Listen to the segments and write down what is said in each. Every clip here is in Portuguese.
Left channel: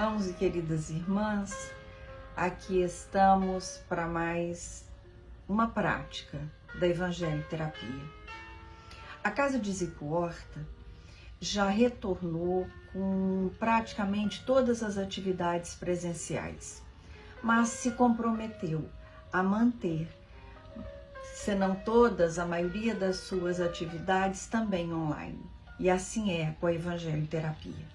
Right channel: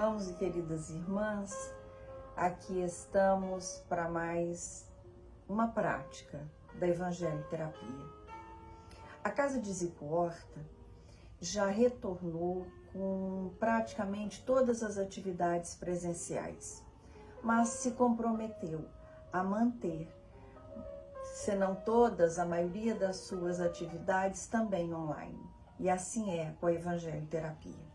irmãos e queridas irmãs, aqui estamos para mais uma prática da Evangelho Terapia. A Casa de Zico Horta já retornou com praticamente todas as atividades presenciais, mas se comprometeu a manter, se não todas, a maioria das suas atividades também online. E assim é com a Evangelho Terapia.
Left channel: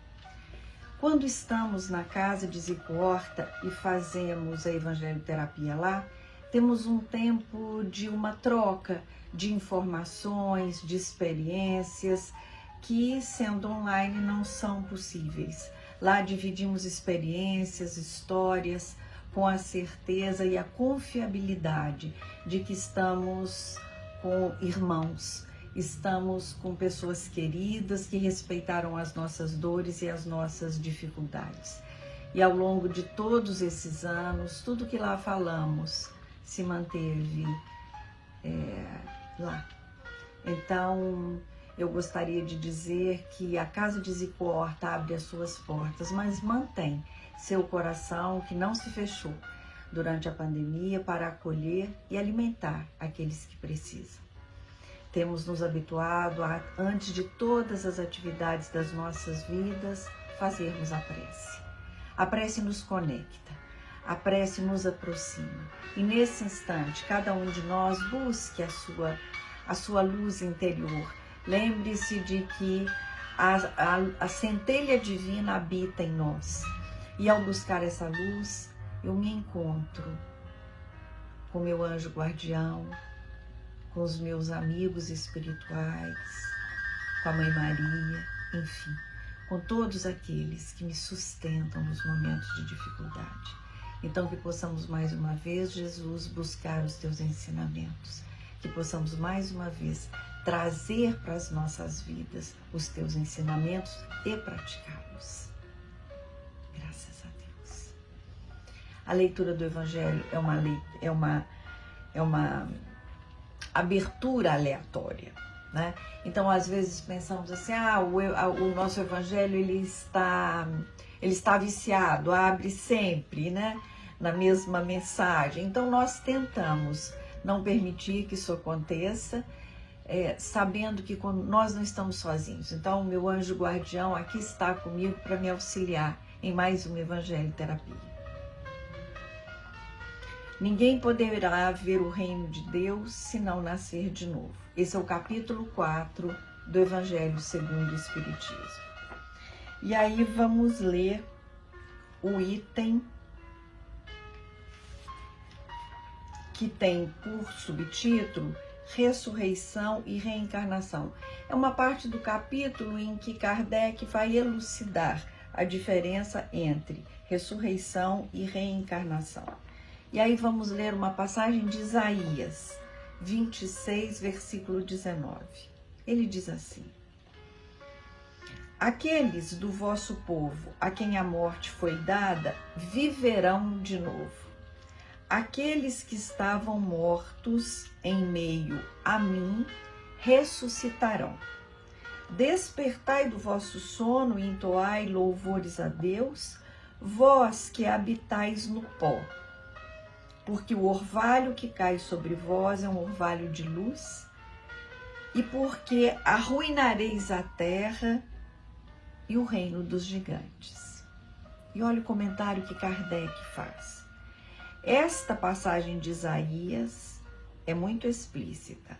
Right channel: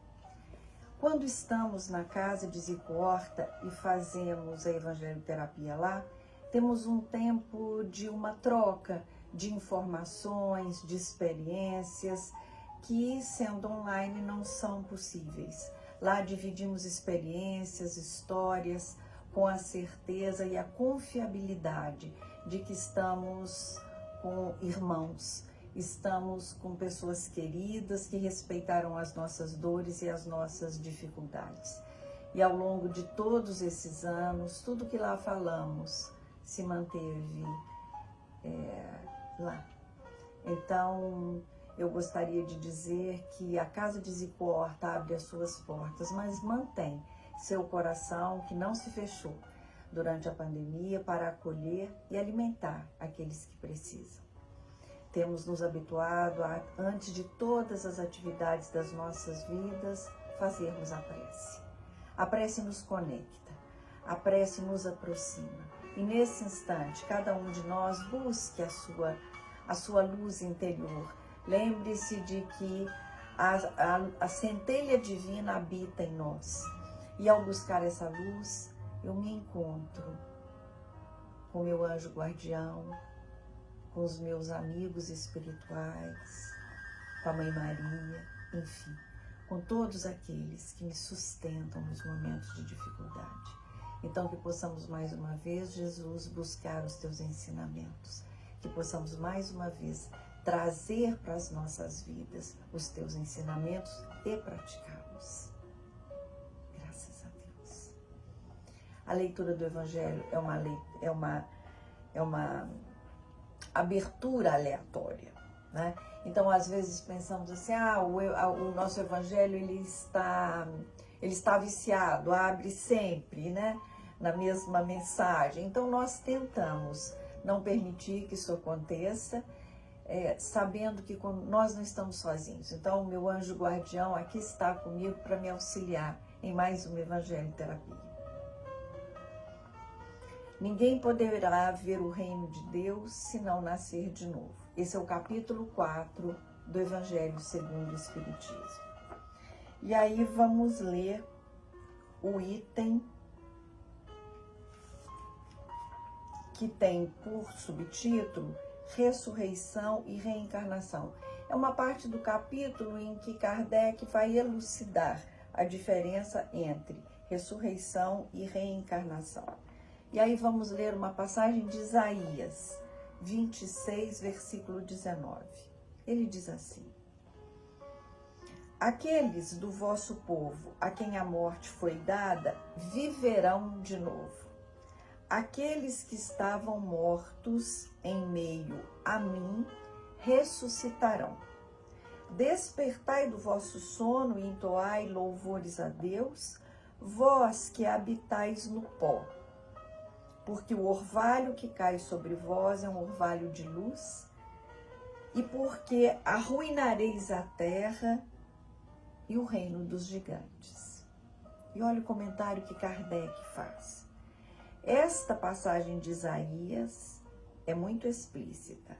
Quando estamos na Casa de Zico Horta e fazemos a Evangelho Terapia lá, temos um tempo de uma troca de informações, de experiências, que sendo online não são possíveis. Lá dividimos experiências, histórias, com a certeza e a confiabilidade de que estamos com irmãos, estamos com pessoas queridas que respeitaram as nossas dores e as nossas dificuldades. E ao longo de todos esses anos, tudo que lá falamos se manteve lá. Então, eu gostaria de dizer que a Casa de Zico Horta abre as suas portas, mas mantém seu coração que não se fechou durante a pandemia para acolher e alimentar aqueles que precisam. Temos nos habituado a, antes de todas as atividades das nossas vidas, fazermos a prece. A prece nos conecta, a prece nos aproxima. E nesse instante, cada um de nós busque a sua luz interior. Lembre-se de que a centelha divina habita em nós. E ao buscar essa luz, eu me encontro com meu anjo guardião, com os meus amigos espirituais, com a Mãe Maria, enfim, com todos aqueles que me sustentam nos momentos de dificuldade. Então, que possamos mais uma vez, Jesus, buscar os teus ensinamentos, que possamos mais uma vez trazer para as nossas vidas os teus ensinamentos e praticá-los. Graças a Deus. A leitura do Evangelho é uma abertura aleatória, né? Então, às vezes pensamos assim, o nosso Evangelho ele está viciado, abre sempre, né, na mesma mensagem. Então, nós tentamos não permitir que isso aconteça, sabendo que nós não estamos sozinhos. Então, meu anjo guardião aqui está comigo para me auxiliar em mais uma Evangelho Terapia. Ninguém poderá ver o reino de Deus se não nascer de novo. Esse é o capítulo 4 do Evangelho segundo o Espiritismo. E aí vamos ler o item que tem por subtítulo Ressurreição e Reencarnação. É uma parte do capítulo em que Kardec vai elucidar a diferença entre ressurreição e reencarnação. E aí vamos ler uma passagem de Isaías 26, versículo 19. Ele diz assim: aqueles do vosso povo a quem a morte foi dada viverão de novo. Aqueles que estavam mortos em meio a mim ressuscitarão. Despertai do vosso sono e entoai louvores a Deus, vós que habitais no pó. Porque o orvalho que cai sobre vós é um orvalho de luz, e porque arruinareis a terra e o reino dos gigantes. E olha o comentário que Kardec faz. Esta passagem de Isaías é muito explícita.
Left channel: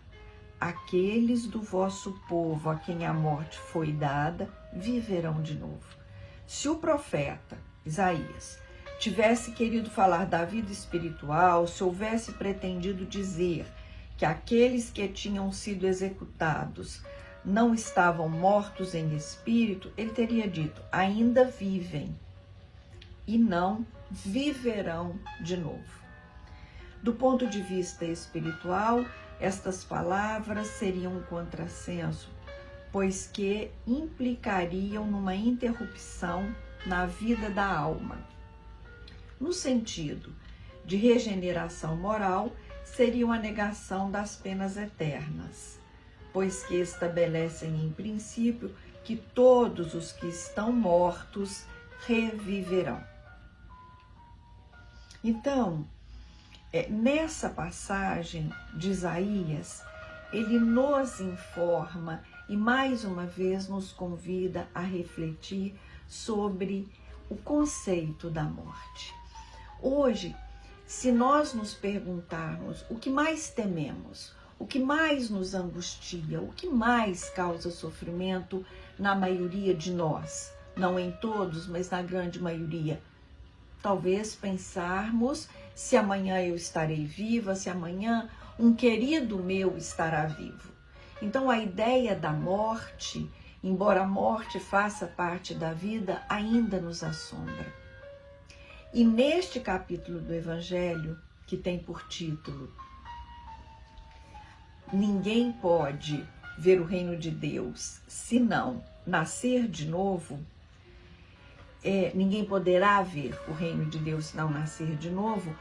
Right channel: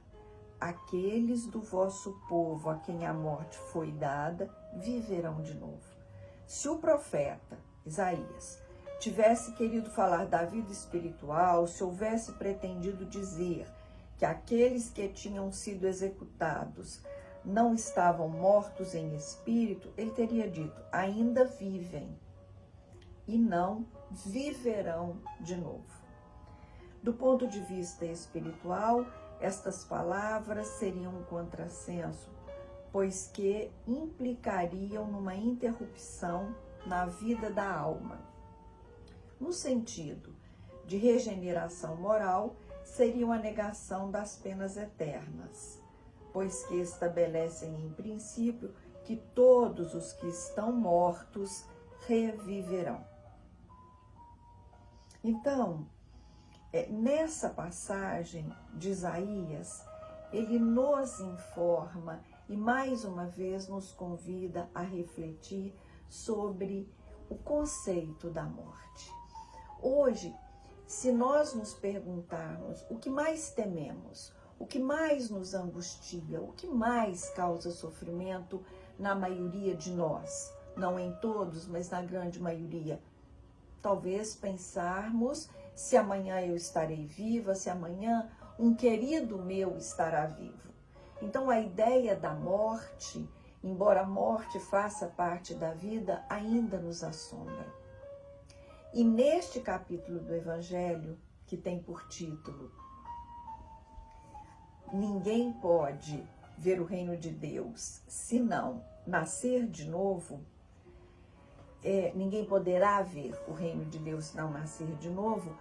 Aqueles do vosso povo a quem a morte foi dada viverão de novo. Se o profeta Isaías tivesse querido falar da vida espiritual, se houvesse pretendido dizer que aqueles que tinham sido executados não estavam mortos em espírito, ele teria dito, ainda vivem, e não viverão de novo. Do ponto de vista espiritual, estas palavras seriam um contrassenso, pois que implicariam numa interrupção na vida da alma. No sentido de regeneração moral, seria uma negação das penas eternas, pois que estabelecem em princípio que todos os que estão mortos reviverão. Então, nessa passagem de Isaías, ele nos informa e mais uma vez nos convida a refletir sobre o conceito da morte. Hoje, se nós nos perguntarmos o que mais tememos, o que mais nos angustia, o que mais causa sofrimento na maioria de nós, não em todos, mas na grande maioria, talvez pensarmos se amanhã eu estarei viva, se amanhã um querido meu estará vivo. Então a ideia da morte, embora a morte faça parte da vida, ainda nos assombra. E neste capítulo do Evangelho, que tem por título Ninguém pode ver o reino de Deus se não nascer de novo, ninguém poderá ver o reino de Deus se não nascer de novo,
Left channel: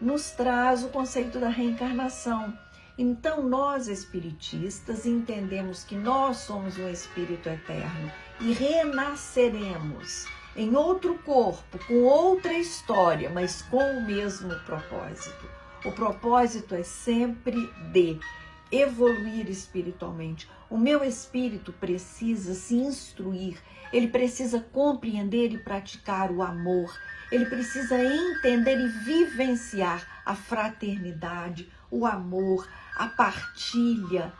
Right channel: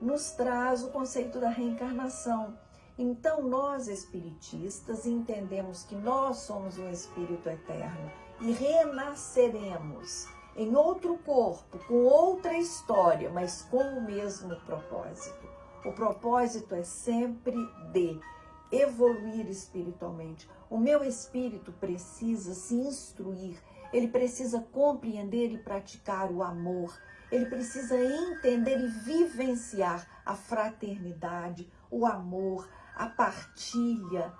nos traz o conceito da reencarnação. Então nós espiritistas entendemos que nós somos um espírito eterno e renasceremos em outro corpo, com outra história, mas com o mesmo propósito. O propósito é sempre de evoluir espiritualmente. O meu espírito precisa se instruir, ele precisa compreender e praticar o amor, ele precisa entender e vivenciar a fraternidade, o amor, a partilha,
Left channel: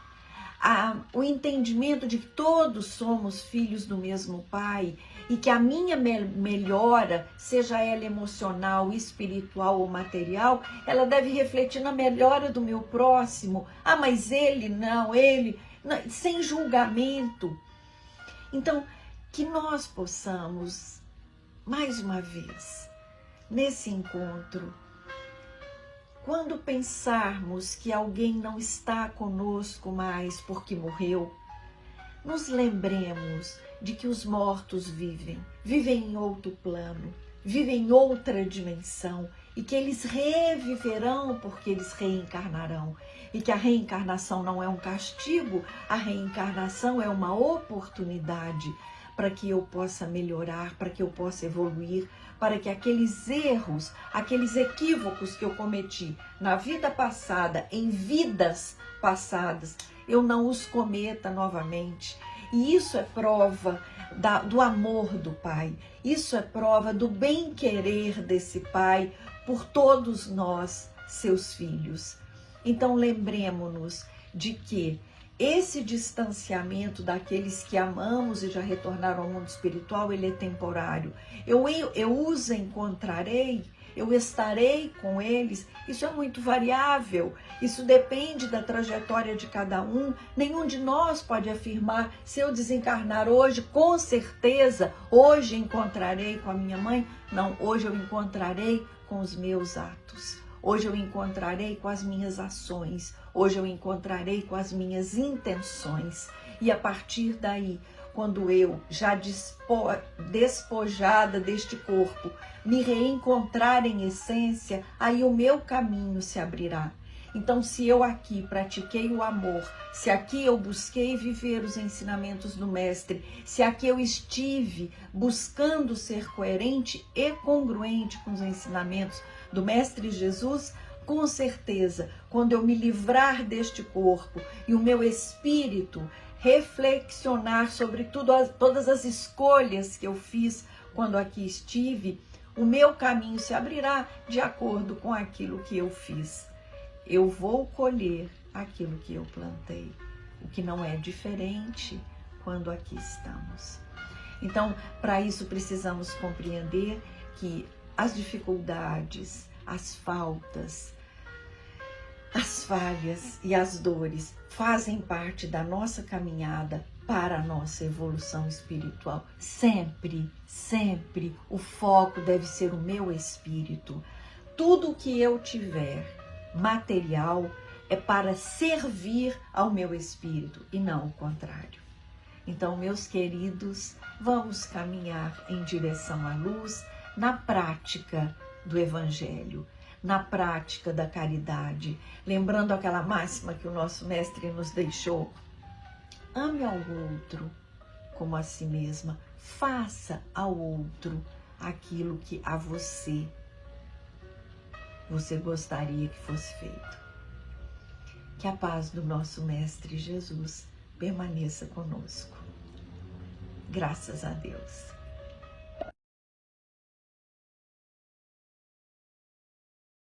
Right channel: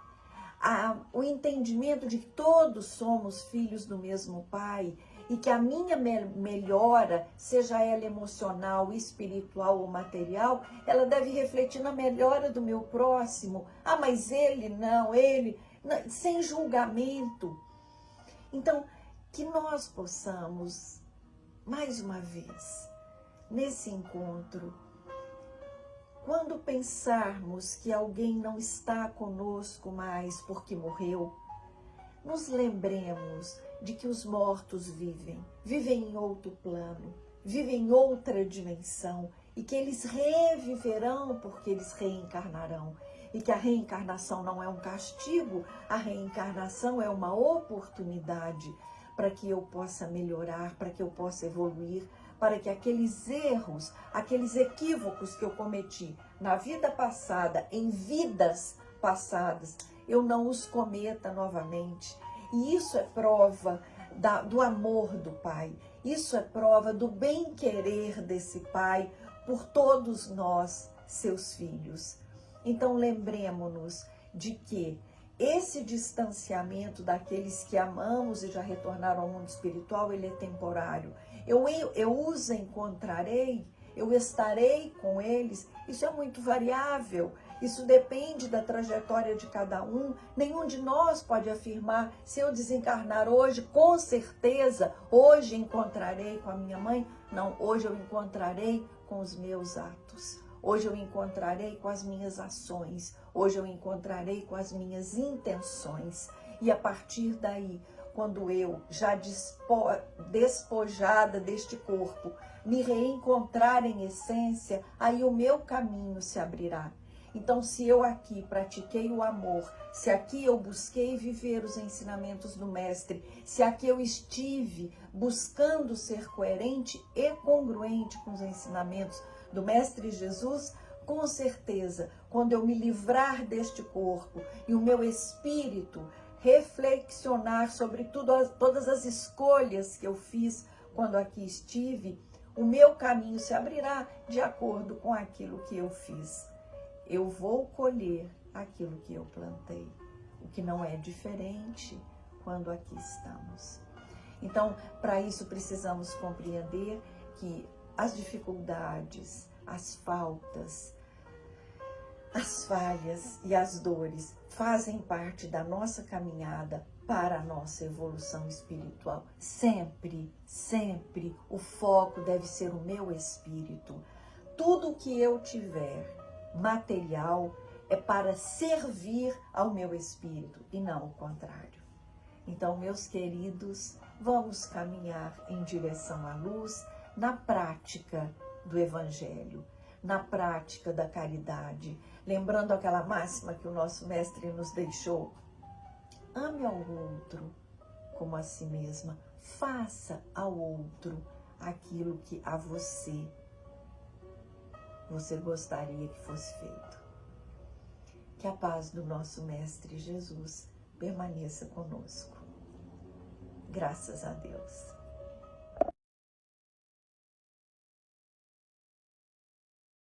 o entendimento de que todos somos filhos do mesmo Pai e que a minha melhora, seja ela emocional, espiritual ou material, ela deve refletir na melhora do meu próximo. Ah, mas ele não, sem julgamento. Então, que nós possamos, mais uma vez, nesse encontro, quando pensarmos que alguém não está conosco mais porque morreu, nos lembremos de que os mortos vivem em outro plano, vivem em outra dimensão e que eles reviverão porque eles reencarnarão. E que a reencarnação não é um castigo, a reencarnação é uma oportunidade para que eu possa melhorar, para que eu possa evoluir, para que aqueles erros, aqueles equívocos que eu cometi na vida passada, em vidas passadas, eu não os cometa novamente. E isso é prova do amor do Pai, isso é prova do bem-querer desse Pai por todos nós, seus filhos. Então lembremos-nos de que esse distanciamento daqueles que amamos e já retornaram ao mundo espiritual, ele é temporário. Eu os encontrarei, eu estarei com eles, isso é muito variável, isso depende da trajetória de cada um. Nenhum de nós pode afirmar, se eu desencarnar hoje, com certeza, hoje encontrarei com a minha mãe. Não, hoje eu encontrarei com os meus atos. Hoje eu encontrarei com as minhas ações, hoje eu encontrarei com as minhas intenções. E a partir daí, quando eu, já despojada deste corpo, me reencontrar em essência, aí o meu caminho se abrirá. Então, se eu aqui pratiquei o amor, se aqui eu busquei viver os ensinamentos do Mestre, se aqui eu estive buscando ser coerente e congruente com os ensinamentos do Mestre Jesus, com certeza, quando eu me livrar deste corpo e o meu espírito reflexionar sobre todas as escolhas que eu fiz quando aqui estive, o meu caminho se abrirá de acordo com aquilo que eu fiz. Eu vou colher aquilo que eu plantei, o que não é diferente quando aqui estamos. Então, para isso precisamos compreender que as dificuldades, as faltas, as falhas e as dores fazem parte da nossa caminhada para a nossa evolução espiritual. Sempre, sempre o foco deve ser o meu espírito. Tudo que eu tiver material é para servir ao meu espírito e não o contrário. Então, meus queridos, vamos caminhar em direção à luz na prática do Evangelho, na prática da caridade, lembrando aquela máxima que o nosso Mestre nos deixou: ame ao outro como a si mesma, faça ao outro aquilo que a você gostaria que fosse feito. Que a paz do nosso Mestre Jesus permaneça conosco. Graças a Deus.